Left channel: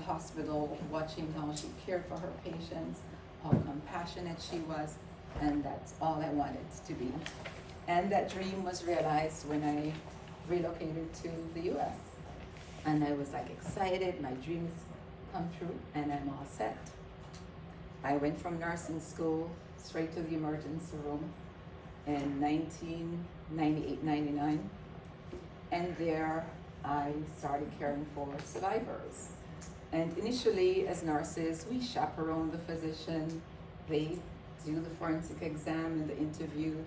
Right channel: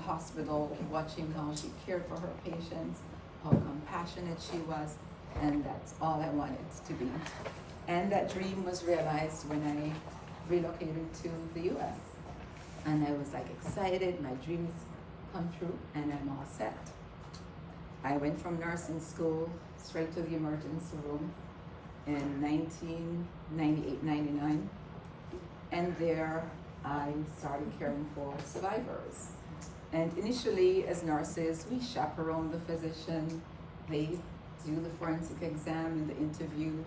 the hospital, watching how she cared for her patients, how compassionate she was, and that's all I wanted to be. And that dream was realized when I relocated to the US. And I was like excited, my dreams come true, and I'm all set. I went from nursing school straight to the emergency room in 1998-99, and there I started caring for survivors. And initially, as nurses, we chaperone the physician, they do the forensic exam and the interview,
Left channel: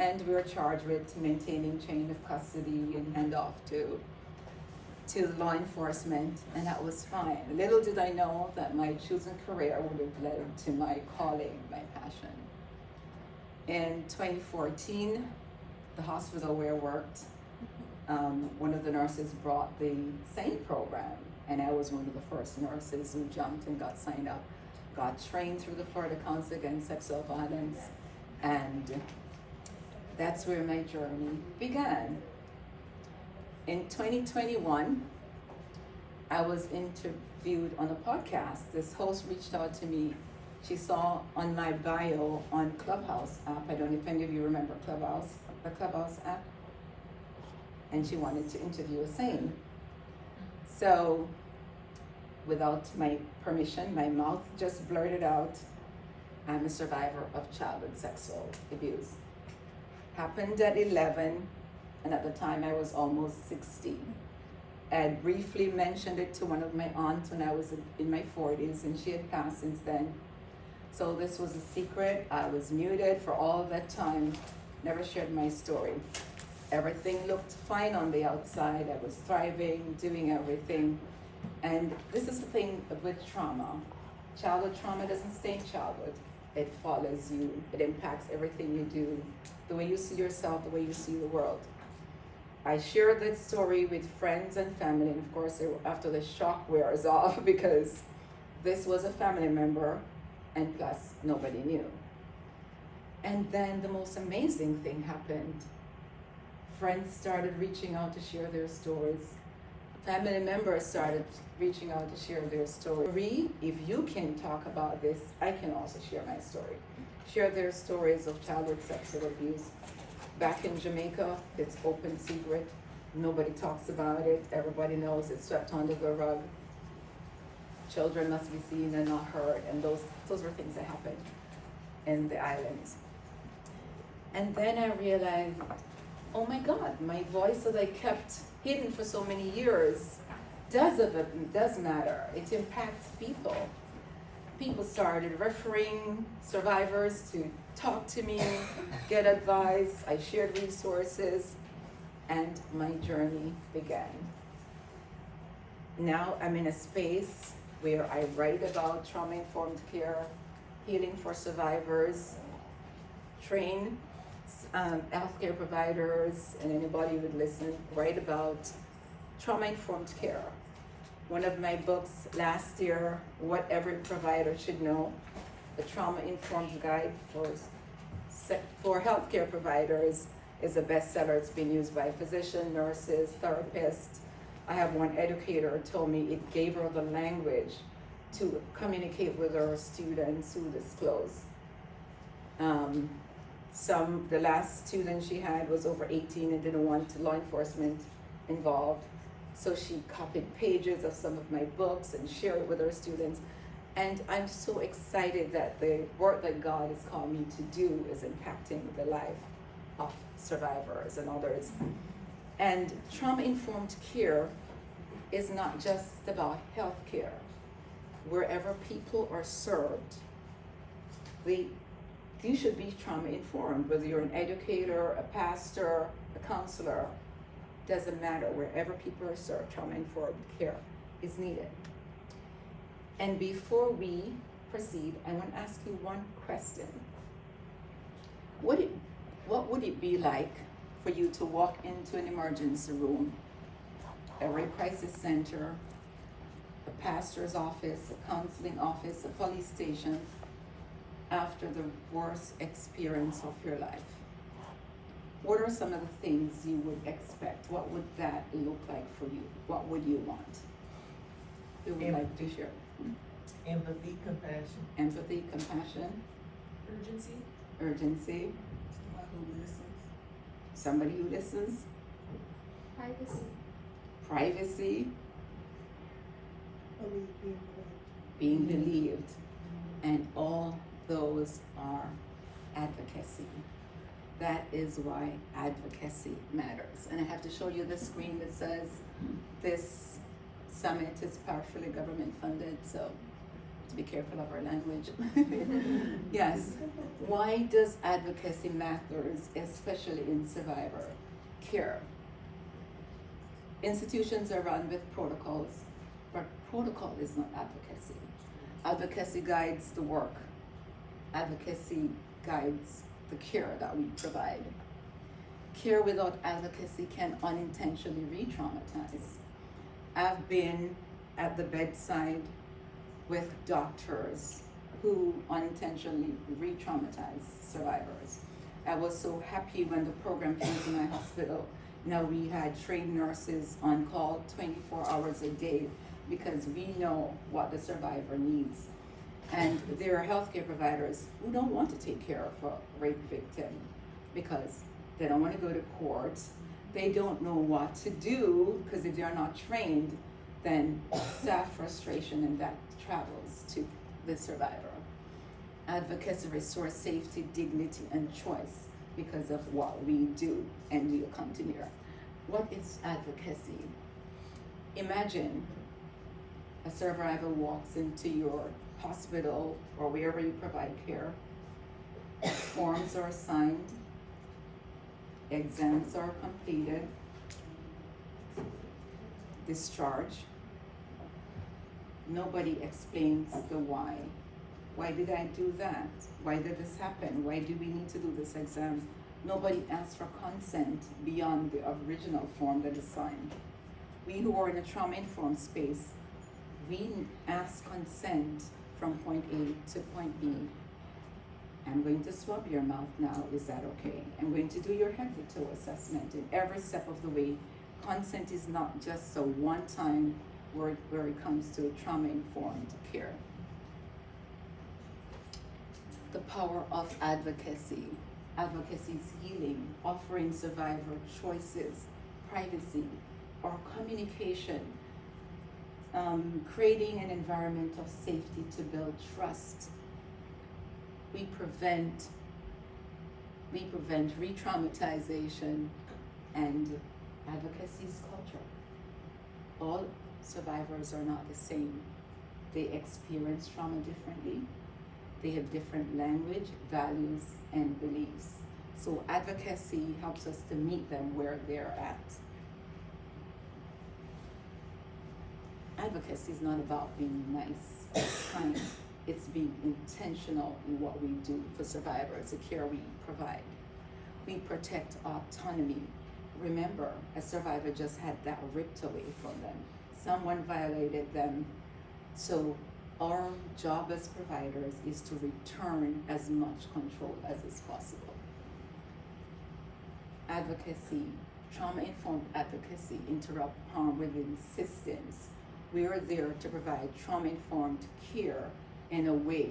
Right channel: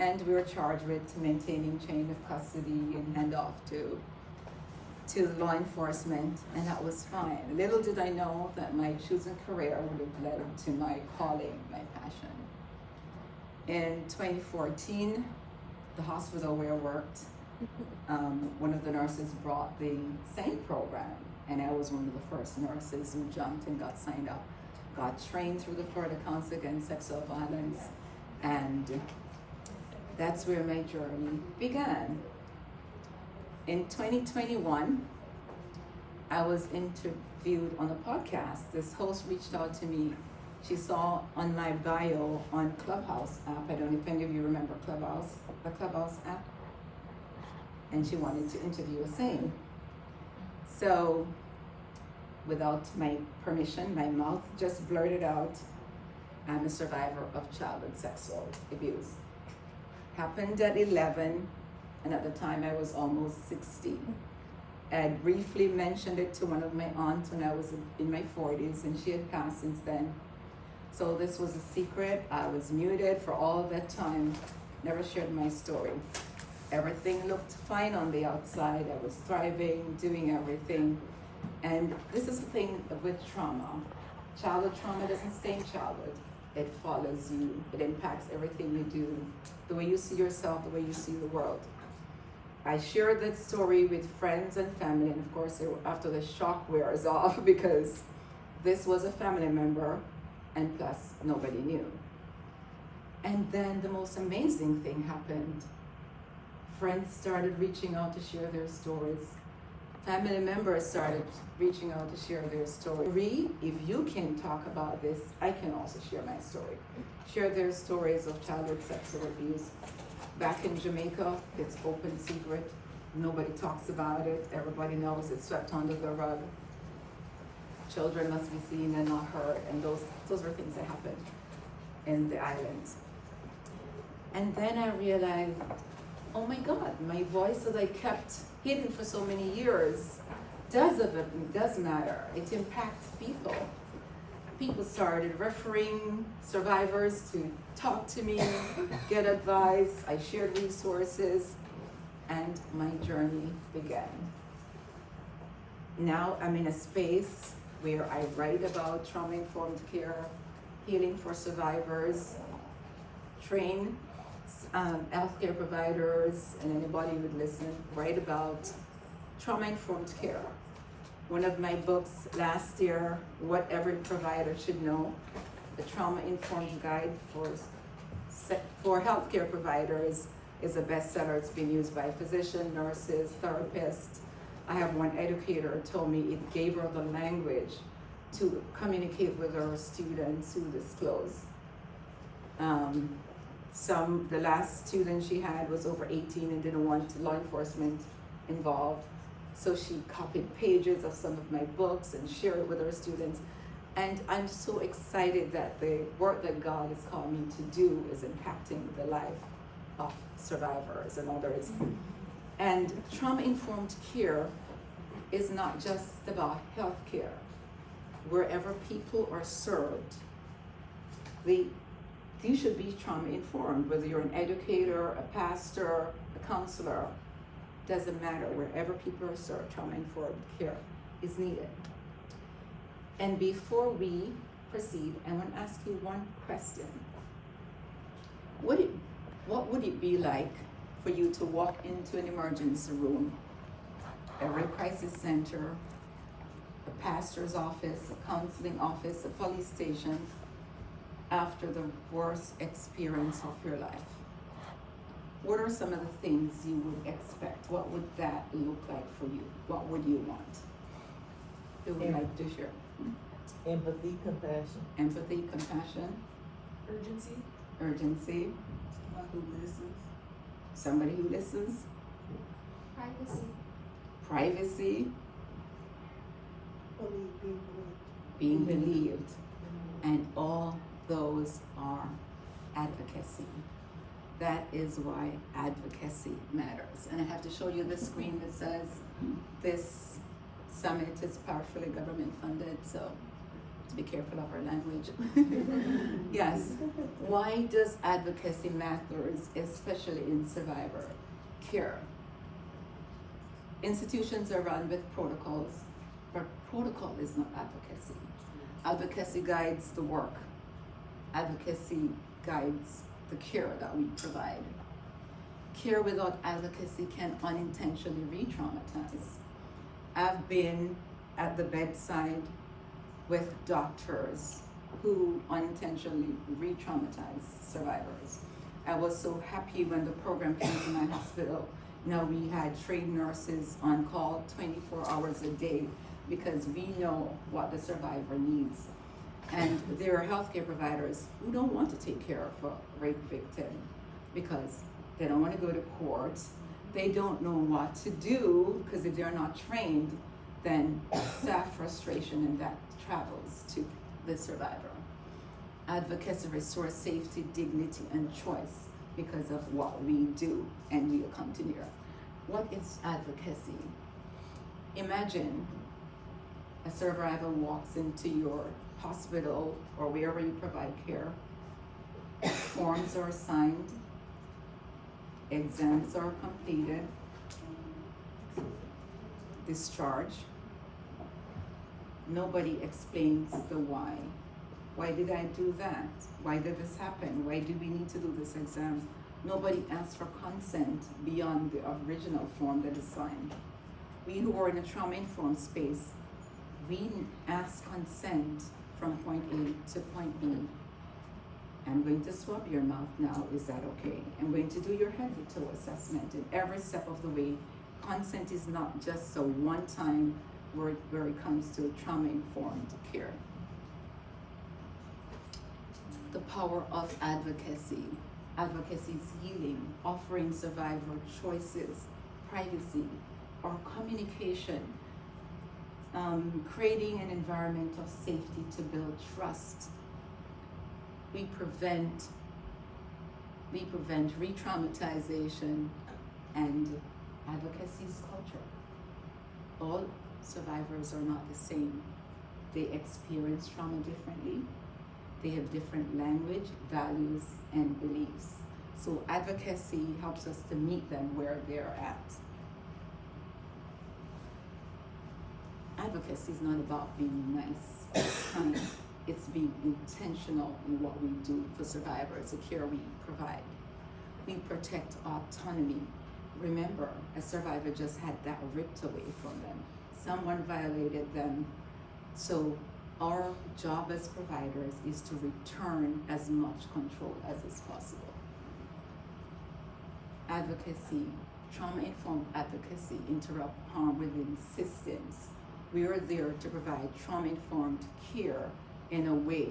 and we were charged with maintaining chain of custody and handoff to law enforcement, and that was fine. Little did I know that my chosen career would have led to my calling, my passion. In 2014, the hospital where I worked, one of the nurses brought the SANE program, and I was one of the first nurses who jumped and got signed up, got trained through the Florida Council Against Sexual Violence, and that's where my journey began. In 2021, I was interviewed on a podcast. This host reached out to me. She saw on my bio on Clubhouse app, I don't know if any of you remember Clubhouse, a Clubhouse app, and she wanted to interview a SANE. So, without my permission, my mouth just blurted out, I'm a survivor of childhood sexual abuse. Happened at 11, and at the time I was almost 60. I had briefly mentioned it to one of my aunts when I was in my 40s, and she had passed since then. So this was a secret. I was muted for all that time, never shared my story. Everything looked fine on the outside. I was thriving, doing everything. And this is the thing with trauma. Childhood trauma doesn't stay in childhood. It follows you. It impacts everything you do, the way you see yourself, the way you see the world. I shared that story with friends and family, and of course, after the shock wears off, because this was a family member, and plus, nobody knew. And then the most amazing thing happened. Friends started reaching out to share their stories. Family members started reaching out to share their story. If you can talk about this, I can also share my story. Share their stories of childhood sexual abuse. Back in Jamaica, it's open secret. Nobody talks about it. Everybody knows it's swept under the rug. Children must be seen and not heard. And those were things that happened in the islands. And then I realized, oh my God, my voice that I kept hidden for so many years does matter. It impacts people. People started referring survivors to talk to me, get advice. I shared resources, and my journey began. Now I'm in a space where I write about trauma-informed care, healing for survivors, train healthcare providers, and anybody who would listen, write about trauma-informed care. One of my books last year, What Every Provider Should Know, a trauma-informed guide for healthcare providers, is a bestseller. It's been used by physicians, nurses, therapists. I have one educator who told me it gave her the language to communicate with her students who disclose. The last student she had was over 18 and didn't want law enforcement involved. So she copied pages of some of my books and shared it with her students. And I'm so excited that the work that God has called me to do is impacting the life of survivors and others. And trauma-informed care is not just about healthcare. Wherever people are served, you should be trauma-informed, whether you're an educator, a pastor, a counselor, doesn't matter. Wherever people are served, trauma-informed care is needed. And before we proceed, I want to ask you one question. What would it be like for you to walk into an emergency room, a rape crisis center, a pastor's office, a counseling office, a police station, after the worst experience of your life? What are some of the things you would expect? What would that look like for you? What would you want? who would like to share? Empathy, compassion. Empathy, compassion, Urgency. urgency, Someone who listens. somebody who listens, Privacy. privacy, Being being believed, and all those are advocacy. That is why advocacy matters. And I have to show you the screen that says this summit is partially government funded, so to be careful of our language. Yes. Why does advocacy matter, especially in survivor care? Institutions are run with protocols, but protocol is not advocacy. Advocacy guides the work. Advocacy guides the care that we provide. Care without advocacy can unintentionally re-traumatize. I've been at the bedside with doctors who unintentionally re-traumatize survivors. I was so happy when the program came to my hospital. Now we had trained nurses on call 24 hours a day because we know what the survivor needs. And there are healthcare providers who don't want to take care of a rape victim because they don't want to go to court. They don't know what to do because if they're not trained, then staff frustration and that travels to the survivor. Advocacy restores safety, dignity, and choice because of what we do, and we'll continue. What is advocacy? Imagine a survivor walks into your hospital or wherever you provide care. Forms are signed, exams are completed, discharge. Nobody explains the why. Why did I do that? Why did this happen? Why do we need to do this exam? Nobody asks for consent beyond the original form that is signed. We who are in a trauma-informed space, we ask consent from point A to point B. I'm going to swab your mouth now, is that okay? I'm going to do your head-to-toe assessment, and every step of the way, consent is not just a one-time word where it comes to trauma-informed care. The power of advocacy. Advocacy is healing, offering survivor choices, privacy, or communication, creating an environment of safety to build trust. We prevent re-traumatization, and advocacy is culture. All survivors are not the same. They experience trauma differently. They have different language, values, and beliefs. So advocacy helps us to meet them where they're at. Advocacy is not about being nice, kind. It's being intentional in what we do for survivors, the care we provide. We protect autonomy. Remember, a survivor just had that ripped away from them. Someone violated them. So our job as providers is to return as much control as is possible. Advocacy, trauma-informed advocacy, interrupt harm within systems. We are there to provide trauma-informed care in a way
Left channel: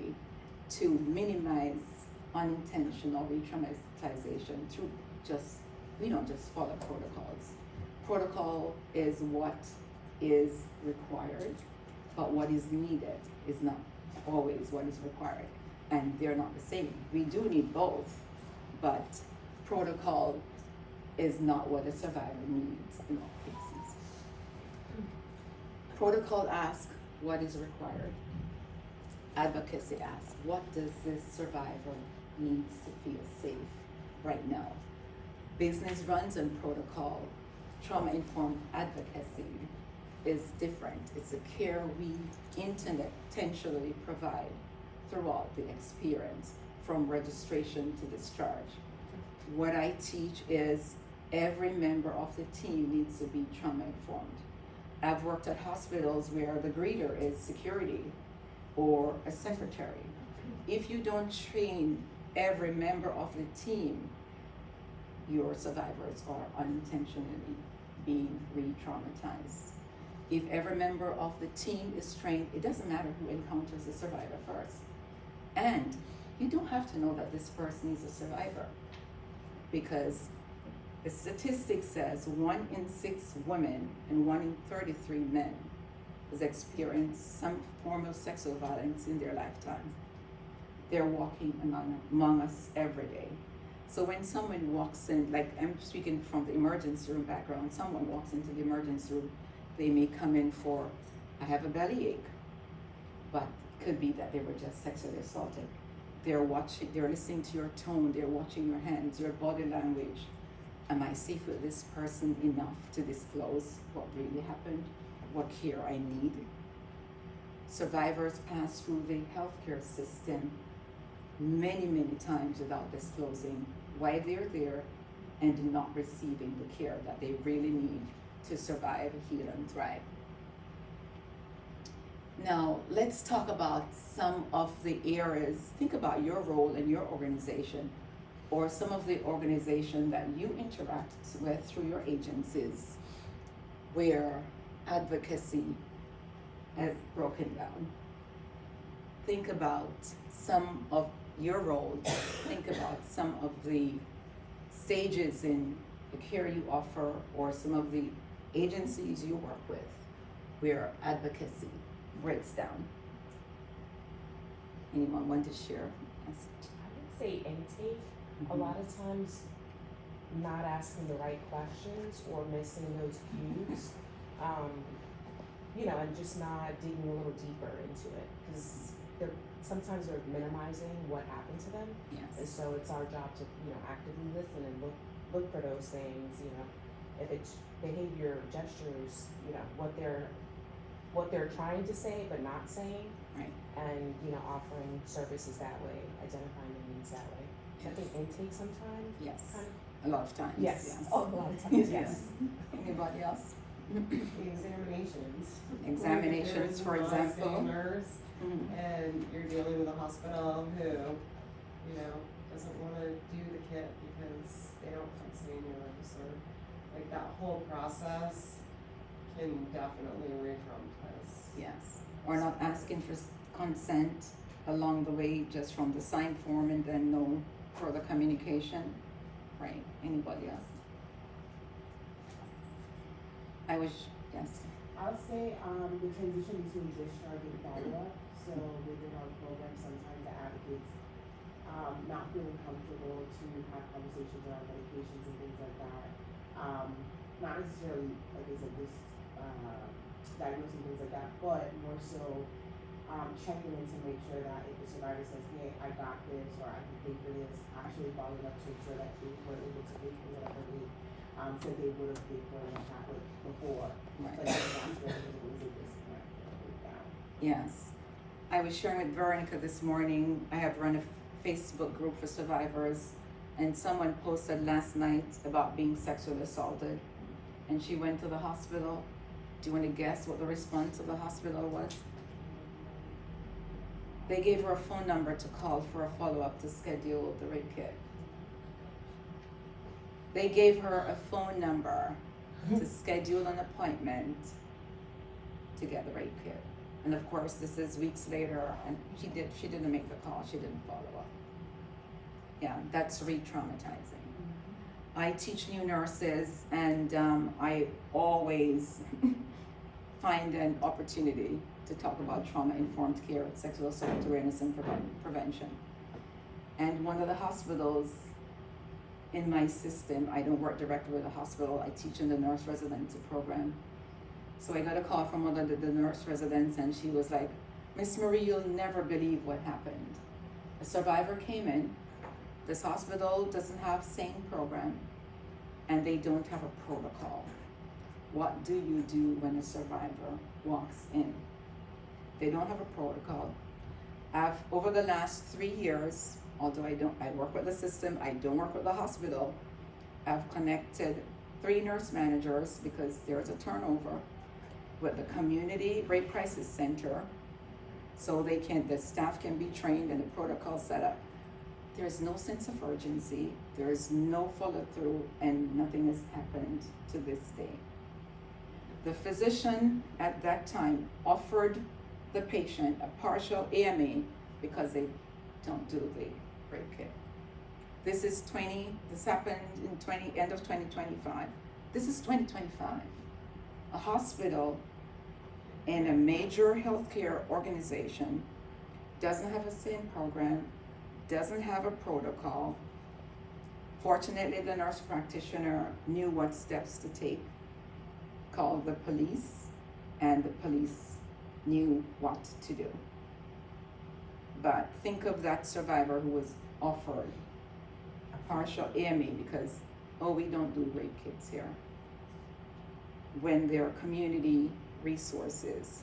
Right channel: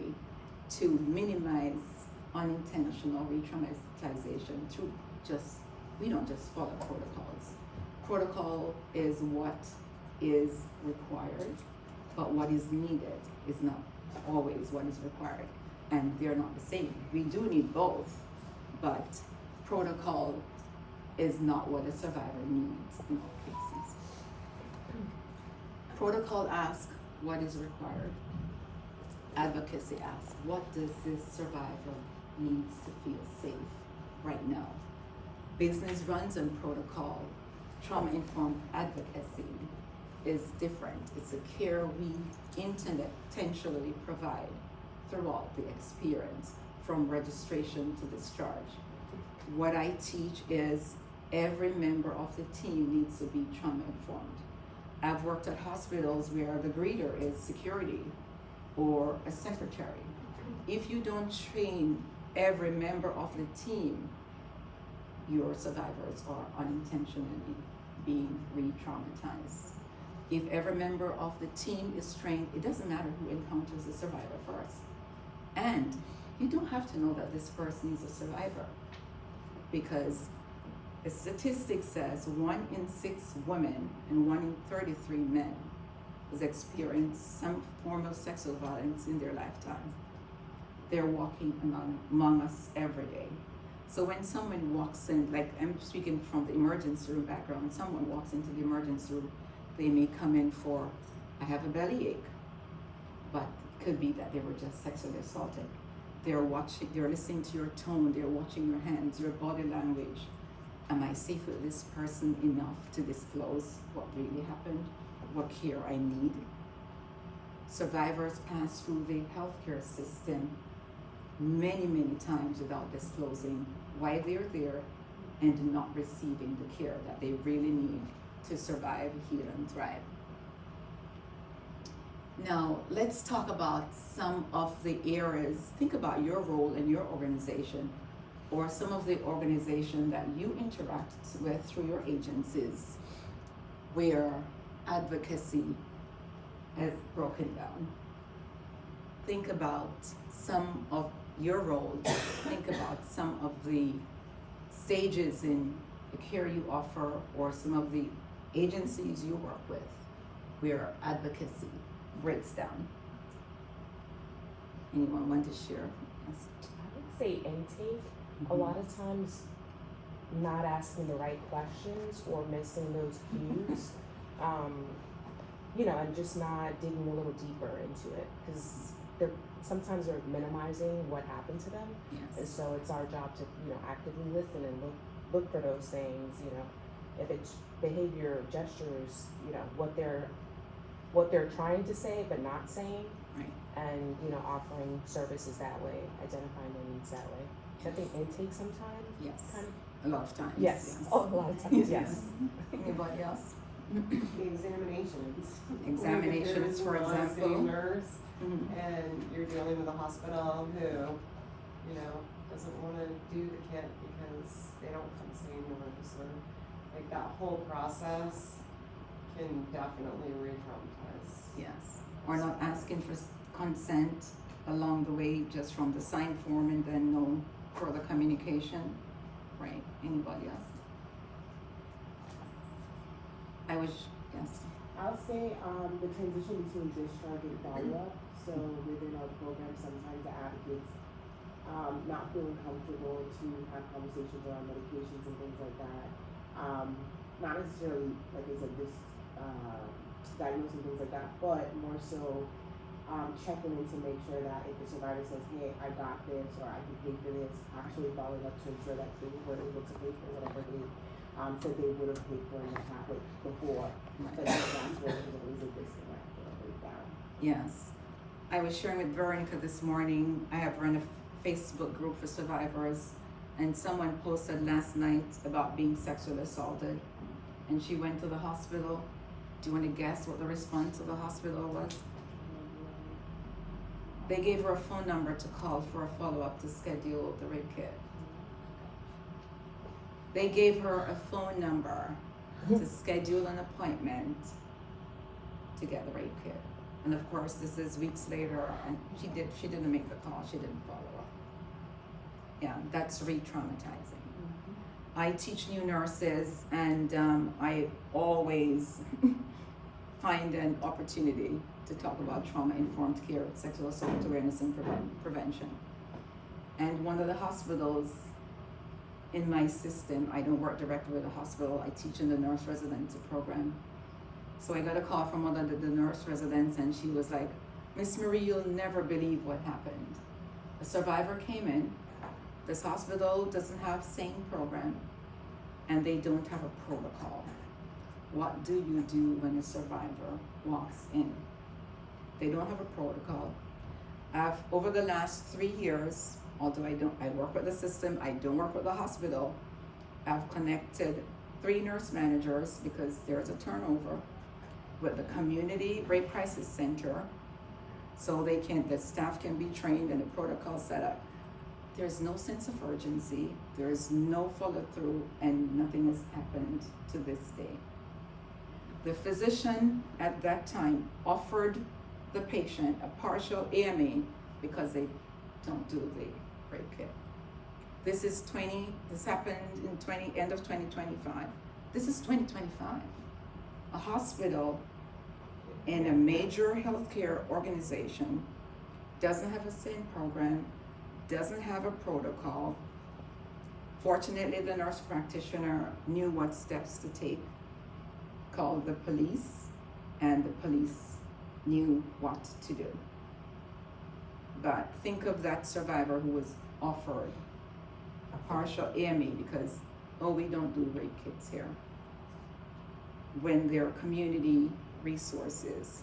to minimize unintentional re-traumatization through we don't just follow protocols. Protocol is what is required, but what is needed is not always what is required, and they're not the same. We do need both, but protocol is not what a survivor needs in all cases. Protocol asks what is required. Advocacy asks, what does this survivor needs to feel safe right now? Business runs on protocol. Trauma-informed advocacy is different. It's a care we intentionally provide throughout the experience, from registration to discharge. What I teach is every member of the team needs to be trauma-informed. I've worked at hospitals where the greeter is security or a secretary. If you don't train every member of the team, your survivors are unintentionally being re-traumatized. If every member of the team is trained, it doesn't matter who encounters the survivor first. And you don't have to know that this person is a survivor, because the statistic says 1 in 6 women and 1 in 33 men has experienced some form of sexual violence in their lifetime. They're walking among us every day. So when someone walks in, like I'm speaking from the emergency room background, someone walks into the emergency room, they may come in for, I have a bellyache, but it could be that they were just sexually assaulted. They're watching, they're listening to your tone, they're watching your hands, your body language. Am I safe with this person enough to disclose what really happened, what care I need? Survivors pass through the healthcare system many, many times without disclosing why they're there and not receiving the care that they really need to survive, heal, and thrive. Now, let's talk about some of the areas. Think about your role in your organization, or some of the organization that you interact with through your agencies, where advocacy has broken down. Think about some of your roles. Think about some of the stages in the care you offer, or some of the agencies you work with, where advocacy breaks down. Anyone want to share? Yes. I would say intake. A lot of times not asking the right questions or missing those cues, and just not digging a little deeper into it, because sometimes they're minimizing what happened to them. Yes. And so it's our job to actively listen and look for those things. If it's behavior, gestures, what they're trying to say but not saying, Right. and offering services that way, identifying their needs that way. I think intake sometimes. Yes. Kind of. A lot of times. Yes. Yes. Oh, a lot of times. Yes. Anybody else? The examinations. Examinations, for When you're a example. nurse Mhm. and you're dealing with a hospital who, doesn't want to do the kit because they don't fix the numbers, or like that whole process can definitely re-traumatize. Yes. Or not asking for consent along the way, just from the sign form, and then no further communication. Right. Anybody else? Yes. I'll say the transition between discharge and follow-up. So within our program, sometimes the advocates not feeling comfortable to have conversations around medications and things like that. Not necessarily, like I said, this diagnosing things like that, but more so checking in to make sure that if the survivor says, hey, I got this, or I can pay for this, actually following up to ensure that they were able to pay for whatever they said they would have paid for in the tablet before. Right. But that's where there was a disconnect or a breakdown. Yes. I was sharing with Veronica this morning. I have run a Facebook group for survivors, and someone posted last night about being sexually assaulted, and she went to the hospital. Do you want to guess what the response of the hospital was? They gave her a phone number to call for a follow-up to schedule the rape kit. They gave her a phone number to schedule an appointment to get the rape kit. And of course, this is weeks later, and she didn't make the call, she didn't follow up. Yeah, that's re-traumatizing. I teach new nurses, and I always find an opportunity to talk about trauma-informed care, sexual assault awareness and prevention. And one of the hospitals in my system, I don't work directly with a hospital, I teach in the nurse residency program. So I got a call from one of the nurse residents, and she was like, Miss Marie, you'll never believe what happened. A survivor came in, this hospital doesn't have same program, and they don't have a protocol. What do you do when a survivor walks in? They don't have a protocol. Over the last 3 years, although I work with the system, I don't work with the hospital, I've connected 3 nurse managers, because there's a turnover, with the community rape crisis center, so the staff can be trained and the protocol set up. There's no sense of urgency, there's no follow through, and nothing has happened to this day. The physician at that time offered the patient a partial AMA because they don't do the rape kit. This happened in end of 2025. This is 2025. A hospital in a major healthcare organization doesn't have a SIN program, doesn't have a protocol. Fortunately, the nurse practitioner knew what steps to take, called the police, and the police knew what to do. But think of that survivor who was offered a partial AMA because, oh, we don't do rape kits here. When their community resources,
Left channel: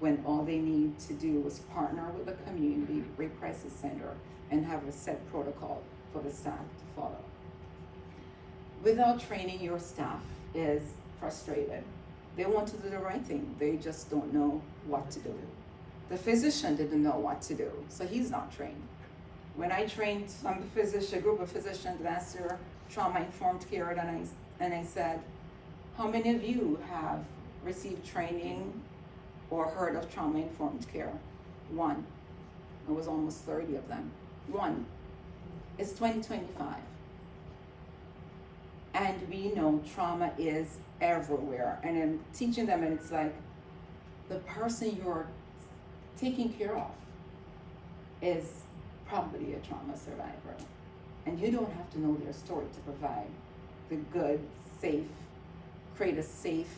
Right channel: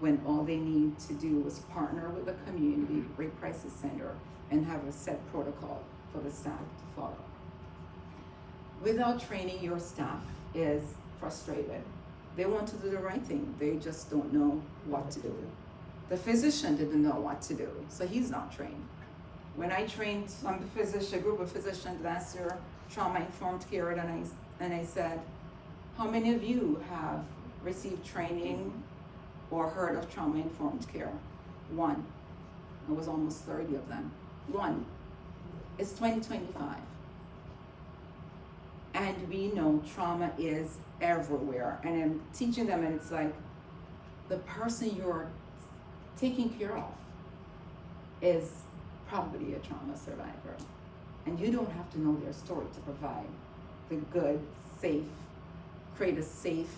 when all they need to do was partner with a community rape crisis center and have a set protocol for the staff to follow. Without training, your staff is frustrated. They want to do the right thing, they just don't know what to do. The physician didn't know what to do, so he's not trained. When I trained some group of physicians last year, trauma-informed care, and I said, how many of you have received training or heard of trauma-informed care? One. It was almost 30 of them. One. It's 2025. And we know trauma is everywhere. And I'm teaching them, and it's like, the person you're taking care of is probably a trauma survivor. And you don't have to know their story to provide the good, create a safe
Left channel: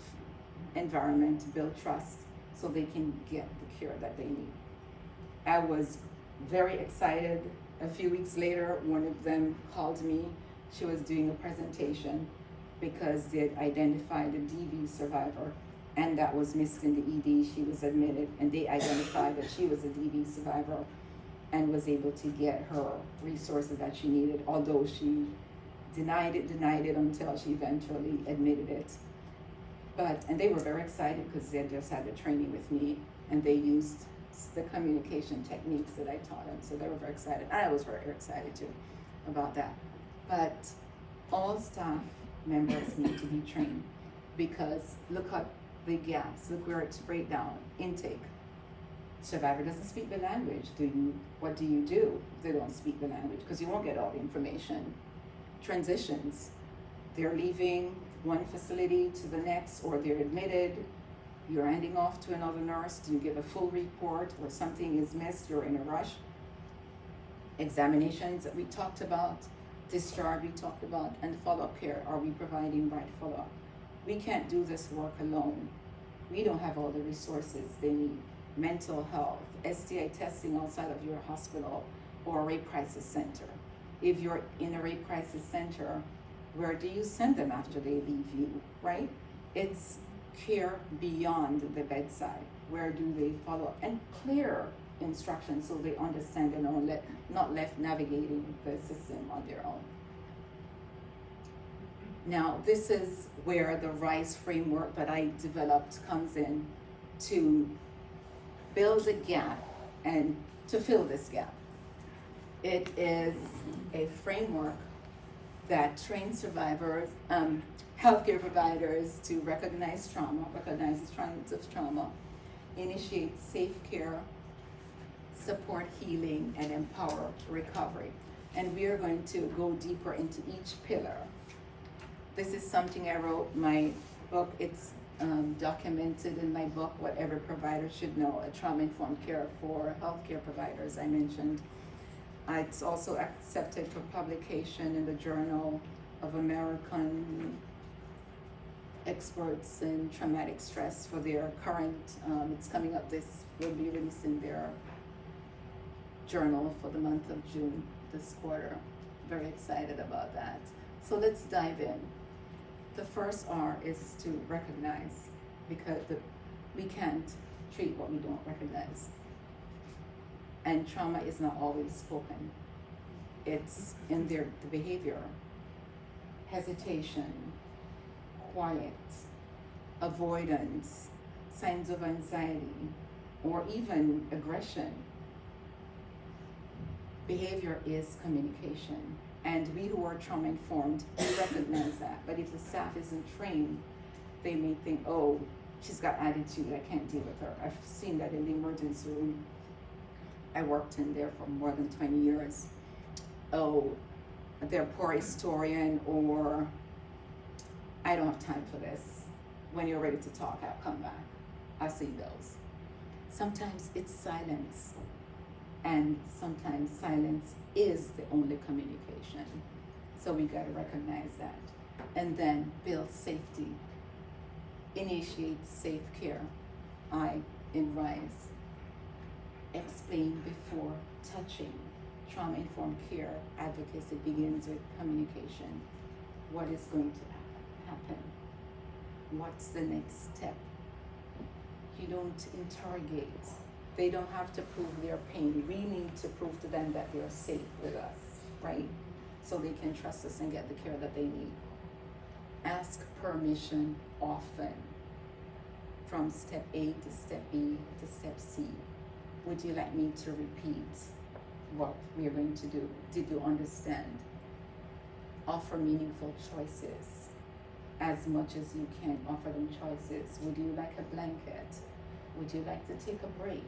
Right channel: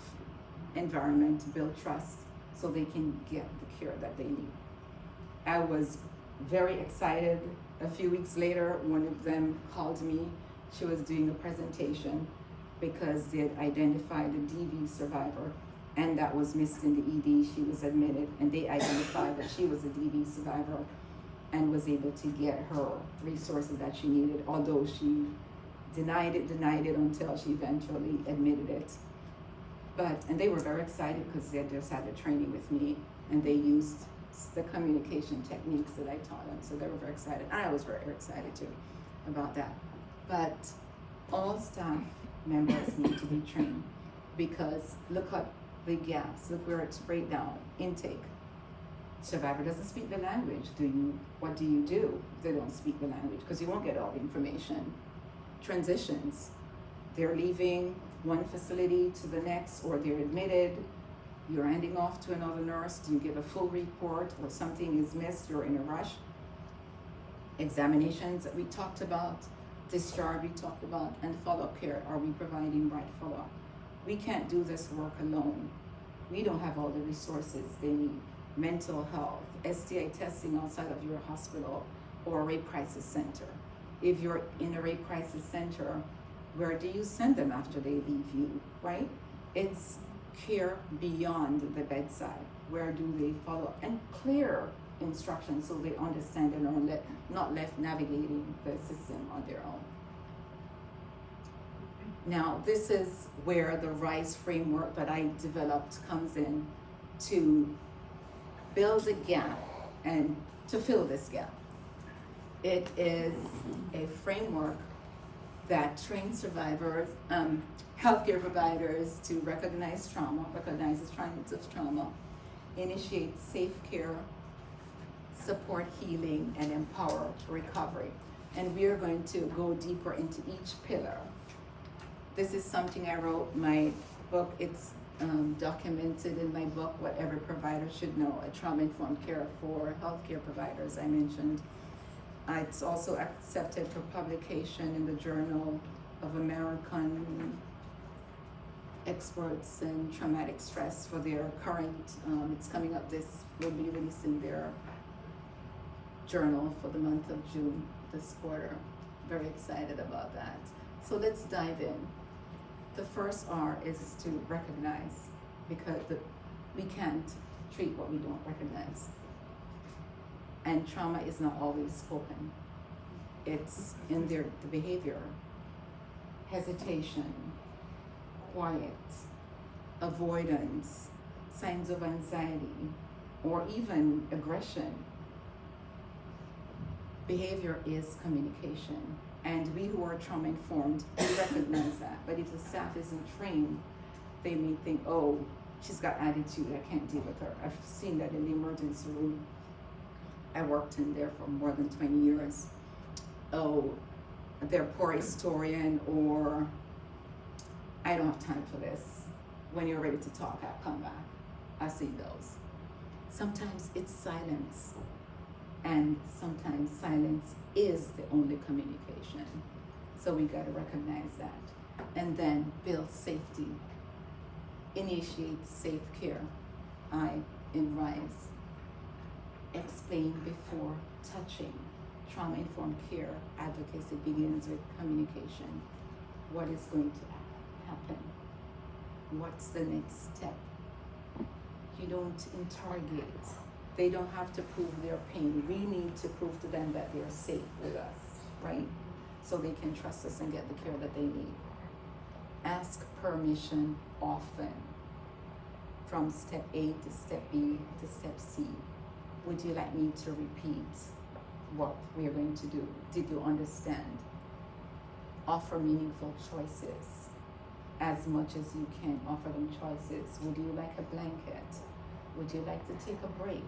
environment, to build trust so they can get the care that they need. I was very excited. A few weeks later, one of them called me. She was doing a presentation because they had identified a DV survivor, and that was missed in the ED. She was admitted, and they identified that she was a DV survivor and was able to get her resources that she needed, although she denied it until she eventually admitted it. And they were very excited because they just had a training with me, and they used the communication techniques that I taught them, so they were very excited. And I was very excited too about that. But all staff members need to be trained, because look at the gaps, look where it's breakdown. Intake. Survivor doesn't speak the language. What do you do if they don't speak the language? Because you won't get all the information. Transitions. They're leaving one facility to the next, or they're admitted. You're handing off to another nurse. Do you give a full report, or something is missed? You're in a rush. Examinations that we talked about. Discharge we talked about, and follow-up care. Are we providing right follow-up? We can't do this work alone. We don't have all the resources they need. Mental health, STI testing outside of your hospital or rape crisis center. If you're in a rape crisis center, where do you send them after they leave you, right? It's care beyond the bedside. Where do they follow? And clear instructions so they understand and are not left navigating the system on their own. Now, this is where the R.I.S.E framework that I developed comes in to build a gap and to fill this gap. It is a framework that trains survivors, healthcare providers to recognize signs of trauma, initiate safe care, support healing, and empower recovery. And we are going to go deeper into each pillar. This is something I wrote in my book. It's documented in my book, What Every Provider Should Know, a trauma-informed care for healthcare providers, I mentioned. It's also accepted for publication in the Journal of American Experts in Traumatic Stress for their current, it's coming up, will be released in their journal for the month of June this quarter. Very excited about that. So let's dive in. The first R is to recognize, because we can't treat what we don't recognize. And trauma is not always spoken. It's in the behavior, hesitation, quiet, avoidance, signs of anxiety, or even aggression. Behavior is communication. And we who are trauma informed, we recognize that. But if the staff isn't trained, they may think, oh, she's got attitude, I can't deal with her. I've seen that in the emergency room. I worked in there for more than 20 years. Oh, they're a poor historian, or I don't have time for this. When you're ready to talk, I'll come back. I've seen those. Sometimes it's silence, and sometimes silence is the only communication. So we gotta recognize that. And then build safety. Initiate safe care. I, in R.I.S.E, explain before touching. Trauma-informed care advocacy begins with communication. What is going to happen? What's the next step? You don't interrogate. They don't have to prove their pain. We need to prove to them that they're safe with us, right? So they can trust us and get the care that they need. Ask permission often. From step A to step B to step C. Would you like me to repeat what we are going to do? Did you understand? Offer meaningful choices. As much as you can, offer them choices. Would you like a blanket? Would you like to take a break?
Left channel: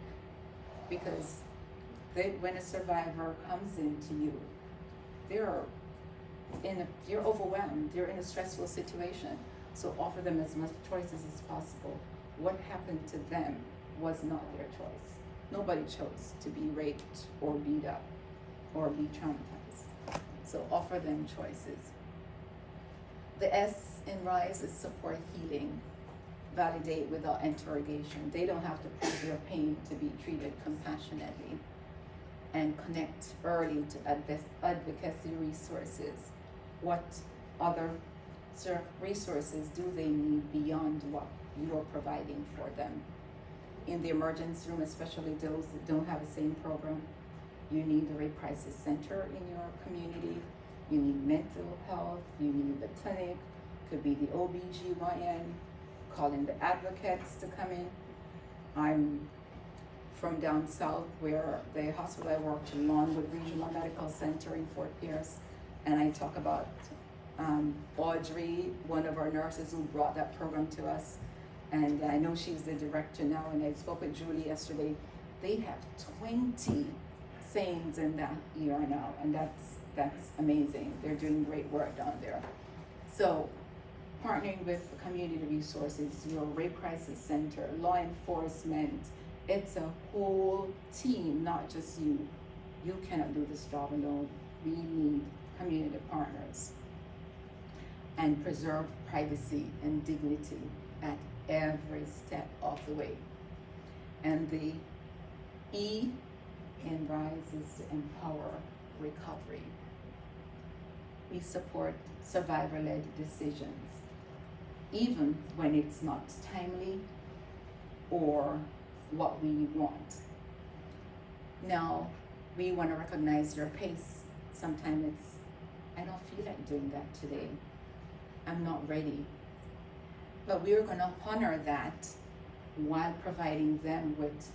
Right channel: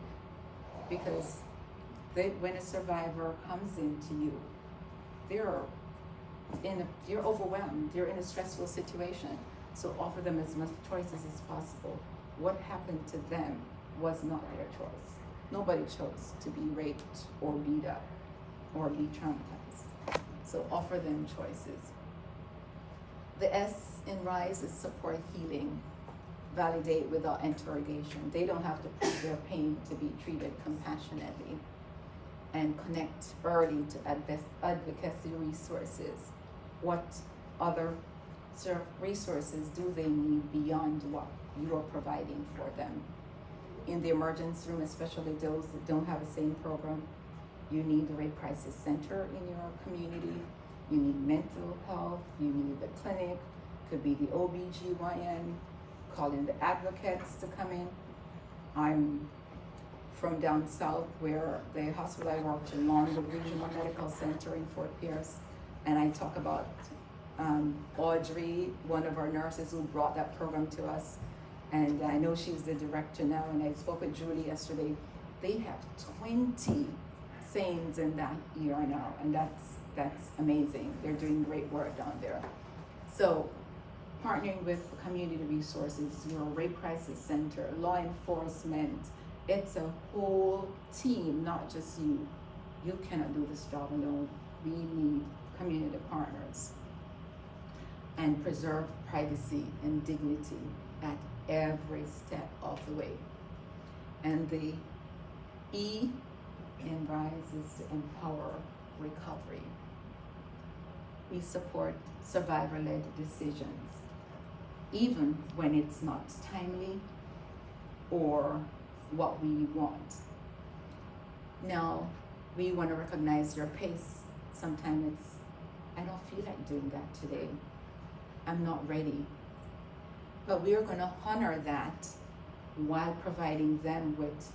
Because when a survivor comes into you, you're overwhelmed, you're in a stressful situation. So offer them as much choices as possible. What happened to them was not their choice. Nobody chose to be raped or beat up or be traumatized. So offer them choices. The S in R.I.S.E is support healing. Validate without interrogation. They don't have to prove their pain to be treated compassionately. And connect early to advocacy resources. What other resources do they need beyond what you are providing for them? In the emergency room, especially those that don't have the same program, you need the Rape Crisis Center in your community. You need mental health. You need the clinic. Could be the OBGYN. Calling the advocates to come in. I'm from down south, where the hospital I worked in, Longwood Regional Medical Center in Fort Pierce, and I talk about Audrey, one of our nurses who brought that program to us, and I know she's the director now, and I spoke with Julie yesterday. They have 20 SANEs in that ER now, and that's amazing. They're doing great work down there. So, partnering with community resources, your Rape Crisis Center, law enforcement, it's a whole team, not just you. You cannot do this job alone. We need community partners. And preserve privacy and dignity at every step of the way. And the E in R.I.S.E is to empower recovery. We support survivor-led decisions, even when it's not timely or what we want. Now, we want to recognize your pace. Sometimes I don't feel like doing that today. I'm not ready. But we are going to honor that while providing them with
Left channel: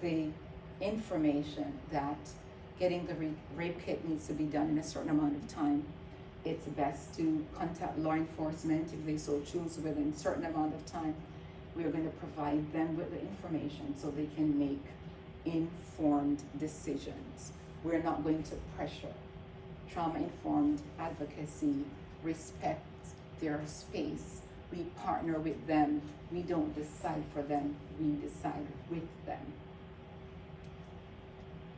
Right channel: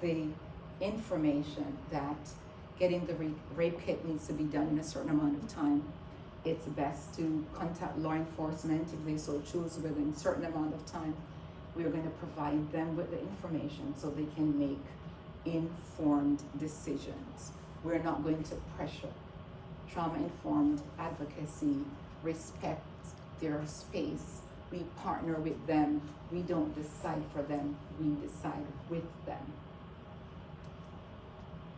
the information that getting the rape kit needs to be done in a certain amount of time. It's best to contact law enforcement if they so choose within a certain amount of time. We are going to provide them with the information so they can make informed decisions. We're not going to pressure. Trauma-informed advocacy respects their space. We partner with them. We don't decide for them. We decide with them.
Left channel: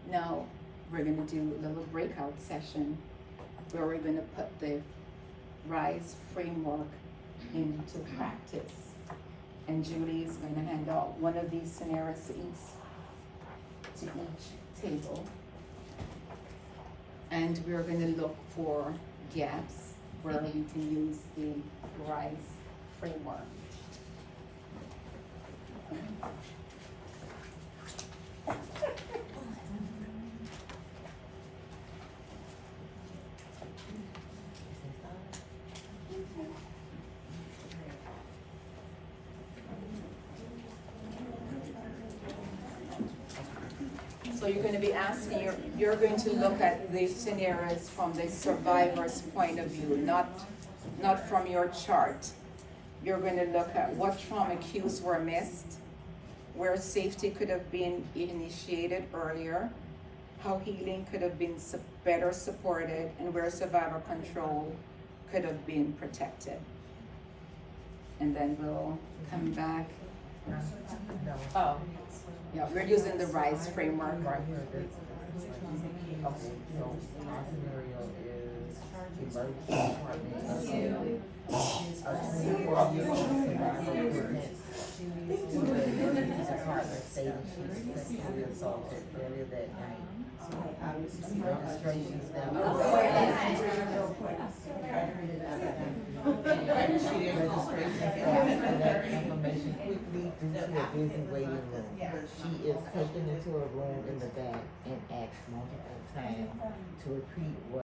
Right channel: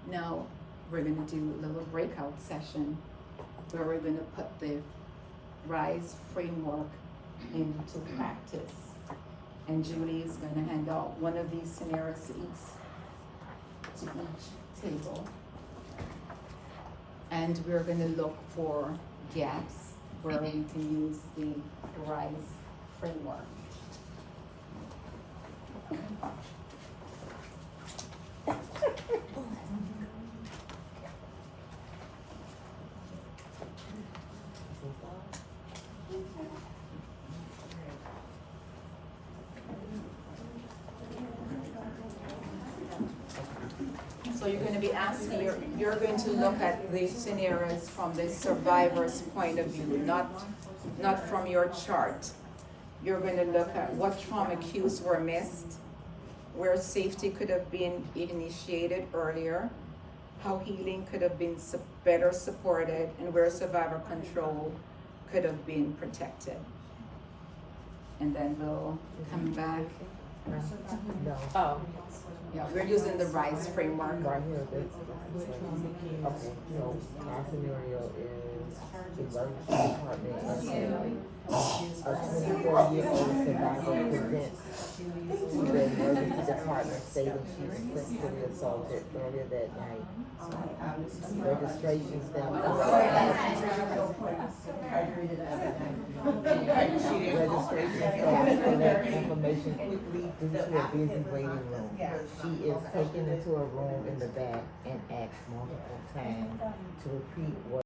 Now, we're going to do a little breakout session where we're going to put the R.I.S.E framework into practice. And Julie is going to hand out one of these scenarios to each table. And we're going to look for gaps where we can use the R.I.S.E framework. So you're going to be asking, you're going to look at the scenarios from the survivor's point of view, not from your chart. You're going to look at what trauma cues were missed, where safety could have been initiated earlier, how healing could have been better supported, and where survivor control could have been protected. And then we'll come back. No. Oh, yeah, we're using the R.I.S.E framework. Right here, that's, so my scenario is emergency department. A 24-year-old survivor presents to the emergency department stating she was sexually assaulted earlier that night. Registrations that information quickly due to a busy waiting room. She is taken into a room in the back and asked multiple times to repeat what